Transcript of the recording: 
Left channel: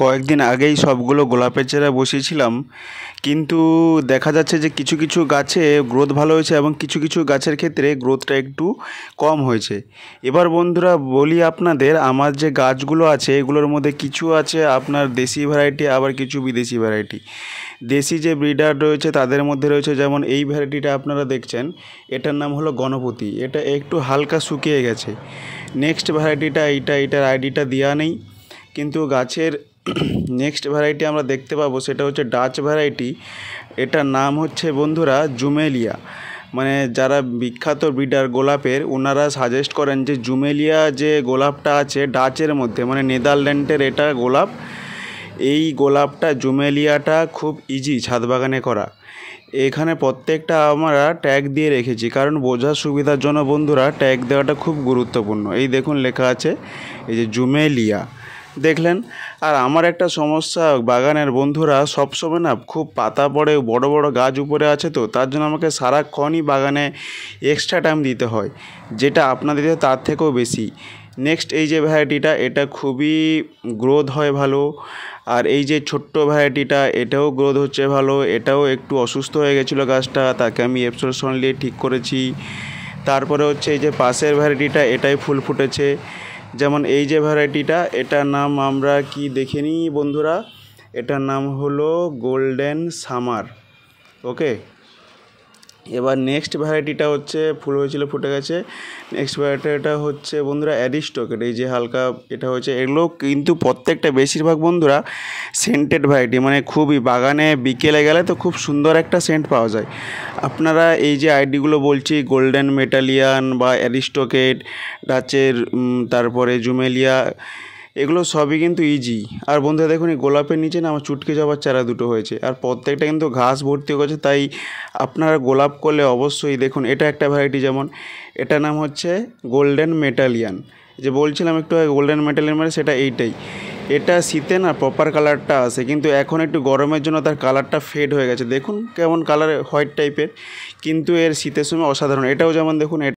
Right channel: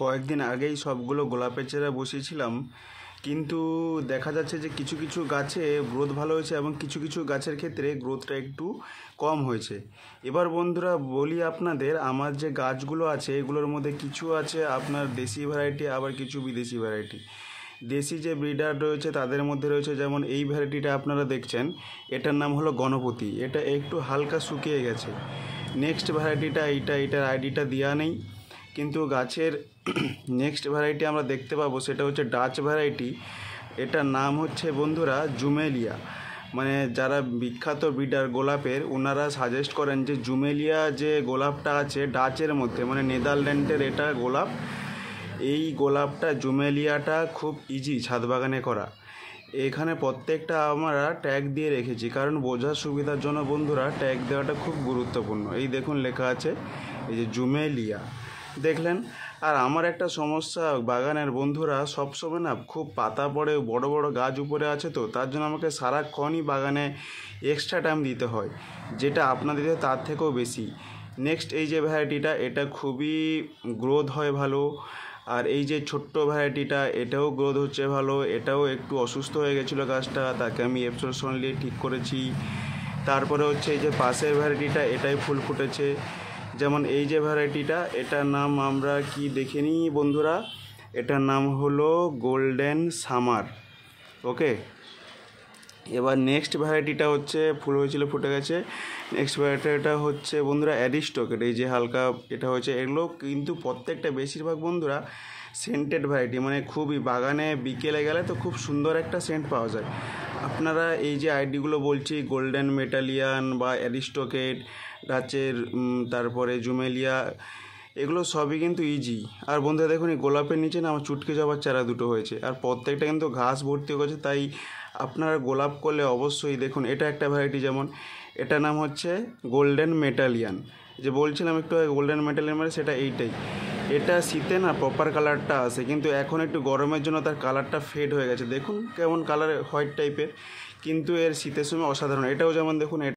কয়েকদিন আগেই সবগুলো গোলাপের চারা বসিয়েছিলাম, কিন্তু দেখা যাচ্ছে যে কিছু কিছু গাছে গ্রোথ ভালো হয়েছে এবং কিছু কিছু গাছের ক্ষেত্রে গ্রোথটা একটু কম হয়েছে। এবার বন্ধুরা বলি আপনাদের, আমার যে গাছগুলো আছে এগুলোর মধ্যে কিছু আছে আপনার দেশি ভ্যারাইটি, আবার কিছু বিদেশি ভ্যারাইটি। দেশি যে ব্রিডার রয়েছে তাদের মধ্যে রয়েছে যেমন এই ভ্যারাইটিটা আপনারা দেখছেন, এটার নাম হলো গণপতি। এটা একটু হালকা শুকিয়ে গেছে। নেক্সট ভ্যারাইটিটা এটার আইডিটা দেওয়া নেই, কিন্তু গাছের নেক্সট ভ্যারাইটি আমরা দেখতে পাবো সেটা হচ্ছে ডাচ ভ্যারাইটি। এটার নাম হচ্ছে বন্ধুরা জুমেলিয়া। মানে যারা বিখ্যাত ব্রিডার গোলাপের ওনারা সাজেস্ট করেন যে জুমেলিয়া যে গোলাপটা আছে ডাচের মধ্যে, মানে নেদারল্যান্ডের এটা গোলাপ। এই গোলাপটা জুমেলিয়াটা খুব ইজি ছাদ বাগানে করা। এখানে প্রত্যেকটা আমরা ট্যাগ দিয়ে রেখেছি, কারণ বোঝার সুবিধার জন্য বন্ধুরা ট্যাগ দেওয়াটা খুব গুরুত্বপূর্ণ। এই দেখুন লেখা আছে এই যে জুমেলিয়া, দেখলেন। আর আমার একটা সমস্যা, বাগানের বন্ধুরা সবসময় না খুব পাতা পড়ে, বড় বড় গাছ উপরে আছে, তো তার জন্য আমাকে সারাক্ষণই বাগানে এক্সট্রা টাইম দিতে হয়, যেটা আপনাদের তার থেকেও বেশি। নেক্সট এই যে ভ্যারাইটিটা, এটা খুবই গ্রোথ হয় ভালো। আর এই যে ছোট্ট ভ্যারাইটিটা, এটাও গ্রোথ হচ্ছে ভালো। এটাও একটু অসুস্থ হয়ে গেছিলো গাছটা, তাকে আমি এপসোলসন নিয়ে ঠিক করেছি। তারপরে হচ্ছে এই যে পাশের ভ্যারাইটিটা, এটাই ফুল ফুটেছে। যেমন এই যে ভ্যারাইটিটা, এটার নাম আমরা কি দেখে নিই বন্ধুরা, এটার নাম হলো গোল্ডেন সামার। ওকে, এবার নেক্সট ভ্যারাইটিটা হচ্ছে ফুল হয়েছিল, ফুটে গেছে। নেক্সট ভ্যারাইটিটা হচ্ছে বন্ধুরা অ্যারিস্টকেট। এই যে হালকা এটা হচ্ছে, এগুলো কিন্তু প্রত্যেকটা বেশিরভাগ বন্ধুরা সেন্টেড ভ্যারাইটি, মানে খুবই বাগানে বিকেলে গেলে তো খুব সুন্দর একটা সেন্ট পাওয়া যায়। আপনারা এই যে আইডিগুলো বলছি, গোল্ডেন মেটালিয়ান বা অ্যারিস্টকেট, ডাচের, তারপরে জুমেলিয়া, এগুলো সবই কিন্তু ইজি। আর বন্ধুরা দেখুন এই গোলাপের নিচে না আমার চুটকে যাওয়ার চারা দুটো হয়েছে, আর প্রত্যেকটা কিন্তু ঘাস ভর্তি হয়েছে। তাই আপনারা গোলাপ করলে অবশ্যই দেখুন, এটা একটা ভ্যারাইটি, যেমন এটার নাম হচ্ছে গোল্ডেন মেটালিয়ান। যে বলছিলাম একটু গোল্ডেন মেটালিয়ান, মানে সেটা এইটাই। এটা শীতে না প্রপার কালারটা আসে, কিন্তু এখন একটু গরমের জন্য তার কালারটা ফেড হয়ে গেছে। দেখুন কেমন কালার, হোয়াইট টাইপের, কিন্তু এর শীতের সময় অসাধারণ। এটাও যেমন দেখুন